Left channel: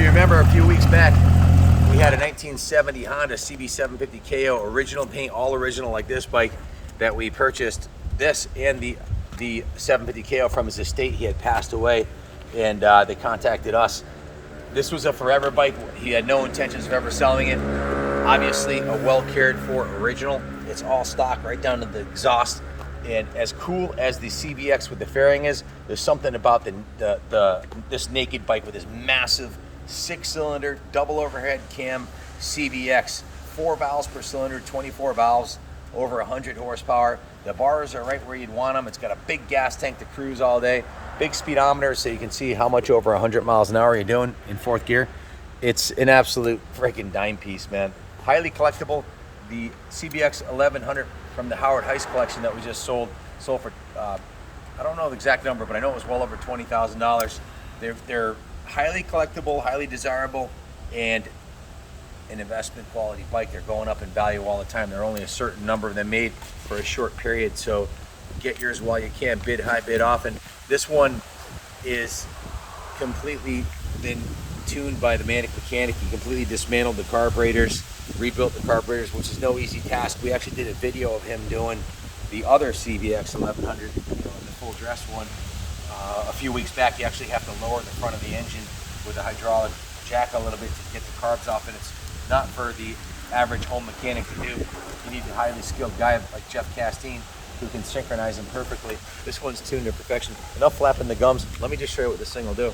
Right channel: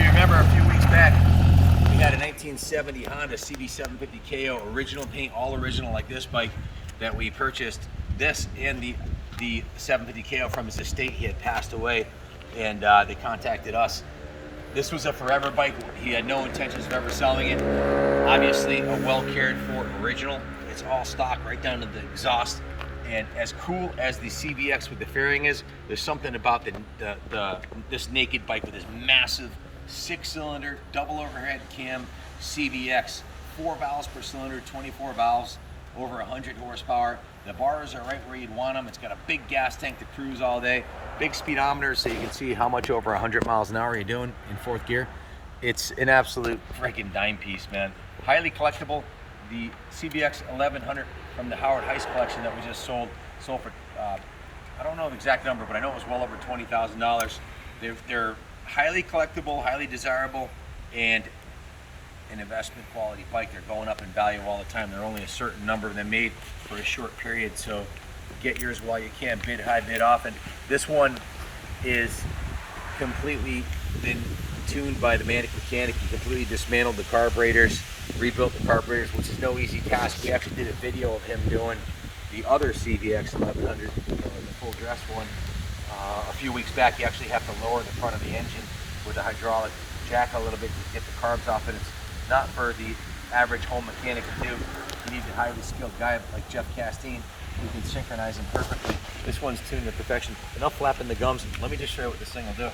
you remember a few weeks back, we had a 1970 Honda CB750 KO, original paint, all original like this bike, that we purchased this and the 750 KO from his estate. He had passed away, and they contacted us. This was a forever bike. He had no intentions of ever selling it. Obviously a well cared for original. It's all stock right down to the exhaust. And as cool as the CBX with the fairing is, there's something about this naked bike with this massive 6-cylinder double overhead cam CBX, 4 valves per cylinder, 24 valves, over 100 horsepower. The bars are right where you'd want them. It's got a big gas tank to cruise all day, big speedometer so you can see how much over 100 miles an hour you're doing in fourth gear. It's an absolute freaking dime piece, man. Highly collectible. The CBX1100 from the Howard Heist collection that we just sold for, I don't know the exact number, but I know it was well over $20,000. They're highly collectible, highly desirable, and an investment quality bike. They're going up in value all the time. There are only a certain number of them made for a short period, so get yours while you can. Bid high, bid often. This one is completely been tuned by the Manic Mechanic. He completely dismantled the carburetors, rebuilt the carburetors, which is no easy task. We actually did a video of him doing the other CBX1100, the full dress one, a few weeks back. You actually have to lower the front of the engine with a hydraulic jack a little bit to get the carbs off, and it's not for the average home mechanic to do. You need a highly skilled guy like Jeff Castine who can synchronize them perfectly. This one's tuned to perfection. Enough flapping the gums. Let me just show you what this thing will do.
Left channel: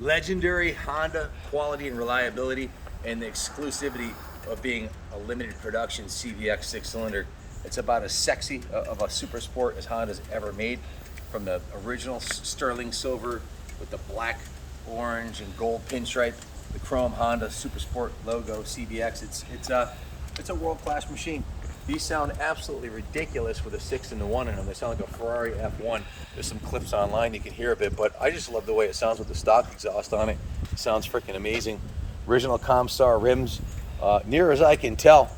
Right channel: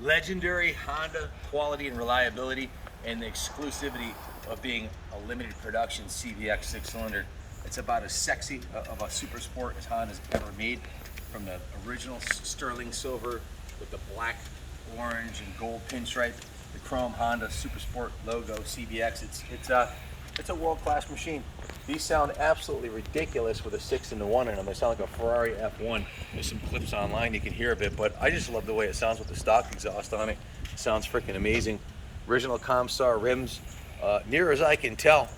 Legendary Honda quality and reliability, and the exclusivity of being a limited production CBX 6-cylinder. It's about as sexy of a Supersport as Honda's ever made. From the original sterling silver with the black, orange, and gold pinstripe, the chrome Honda Supersport logo CBX. It's a world-class machine. These sound absolutely ridiculous with a 6-in-1 in them. They sound like a Ferrari F1. There's some clips online you can hear a bit, but I just love the way it sounds with the stock exhaust on it. It sounds freaking amazing. Original Comstar rims. Near as I can tell,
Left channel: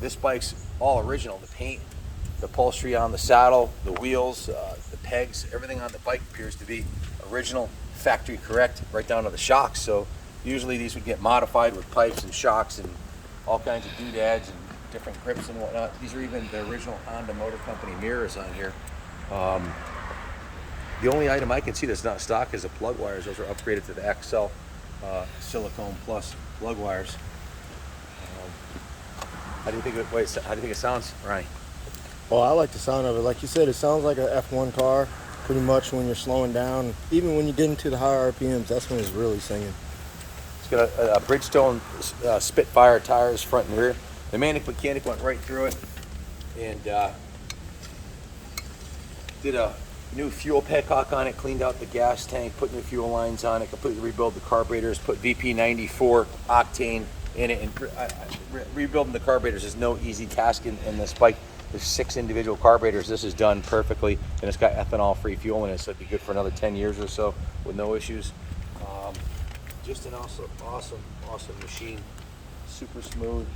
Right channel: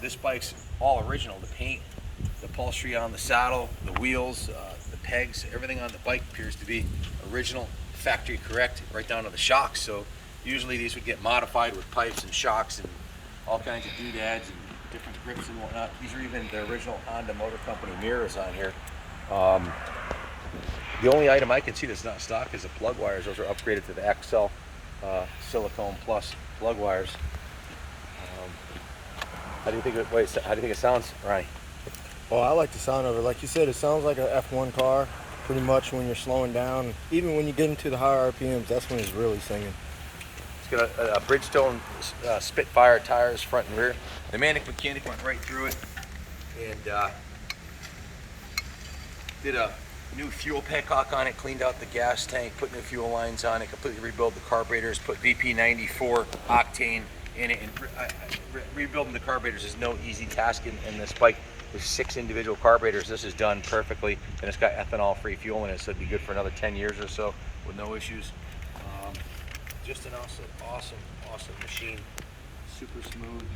this bike's all original. The paint, the upholstery on the saddle, the wheels, the pegs, everything on the bike appears to be original, factory correct, right down to the shocks. So usually these would get modified with pipes and shocks and all kinds of doodads and different grips and whatnot. These are even the original Honda Motor Company mirrors on here. The only item I can see that's not stock is the plug wires. Those are upgraded to the XL Silicone Plus plug wires. How do you think it sounds, Ryan? Well, I like the sound of it. Like you said, it sounds like an F1 car pretty much when you're slowing down. Even when you get into the higher RPMs, that's when it's really singing. It's got a Bridgestone Spitfire tires front and rear. The Manic Mechanic went right through it and did a new fuel petcock on it, cleaned out the gas tank, put new fuel lines on it, completely rebuilt the carburetors, put VP94 octane in it, and rebuilding the carburetors is no easy task in this bike. There's 6 individual carburetors. This is done perfectly, and it's got ethanol-free fuel in it, so it'd be good for another 10 years or so with no issues. Just an awesome machine. Super smooth.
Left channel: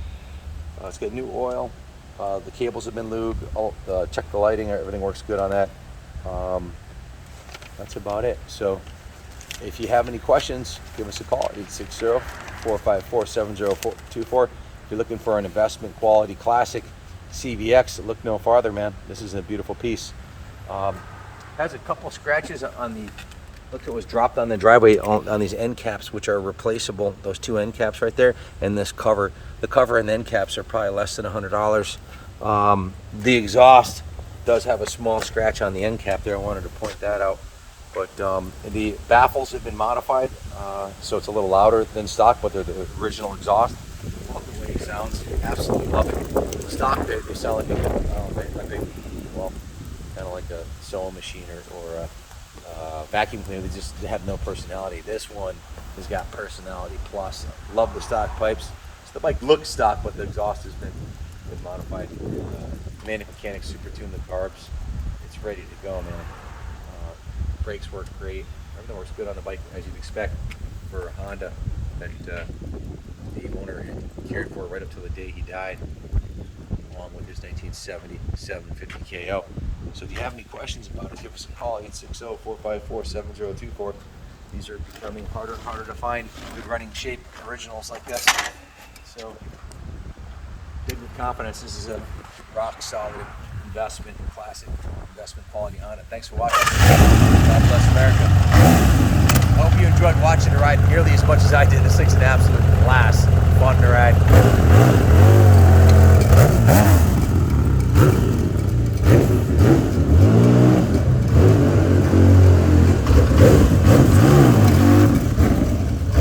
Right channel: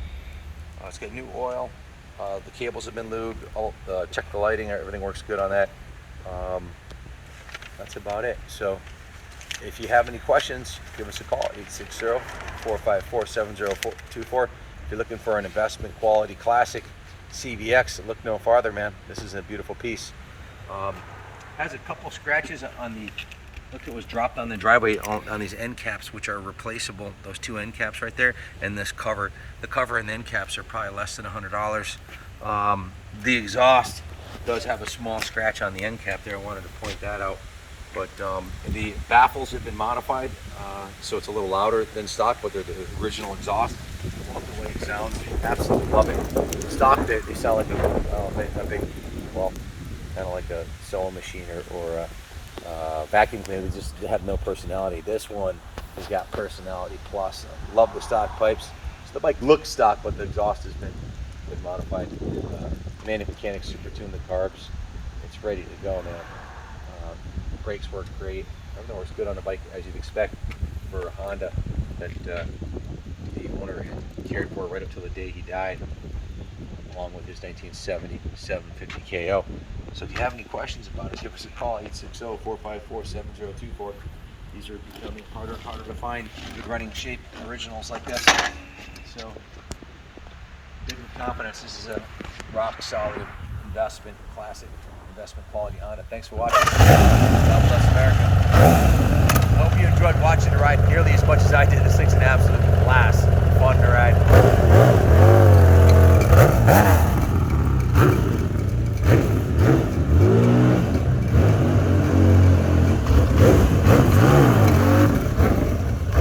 It's got new oil. The cables have been lubed. Check the lighting. Everything works good on that. That's about it. So if you have any questions, give us a call at 860-454-7024. If you're looking for an investment quality classic CBX, look no farther, man. This is a beautiful piece. Has a couple scratches on the, look, it was dropped on the driveway on these end caps, which are replaceable. Those two end caps right there, and this cover. The cover and the end caps are probably less than $100. The exhaust does have a small scratch on the end cap there. I wanted to point that out. But the baffles have been modified, so it's a little louder than stock, but they're the original exhaust. Love the way it sounds. Absolutely love it. Stock, they sound like a big, well, kind of like a sewing machine or a vacuum cleaner. They just have no personality. This one has got personality plus. Love the stock pipes. So the bike looks stock, but the exhaust has been modified. Manic Mechanics super tuned the carbs. It's ready to go, man. Brakes work great. Everything works good on the bike, as you'd expect for a Honda that the owner had cared for right up till the day he died, along with his 1970 750 KO. So if you have any questions about it, give us a call, 860-454-7024. These are becoming harder and harder to find good running shape originals like this. So bid with confidence. This is a rock solid investment, classic investment quality Honda. Thanks for watching. God bless America. I hope you enjoyed watching the ride nearly as much as I did. This thing's an absolute blast. Fun to ride.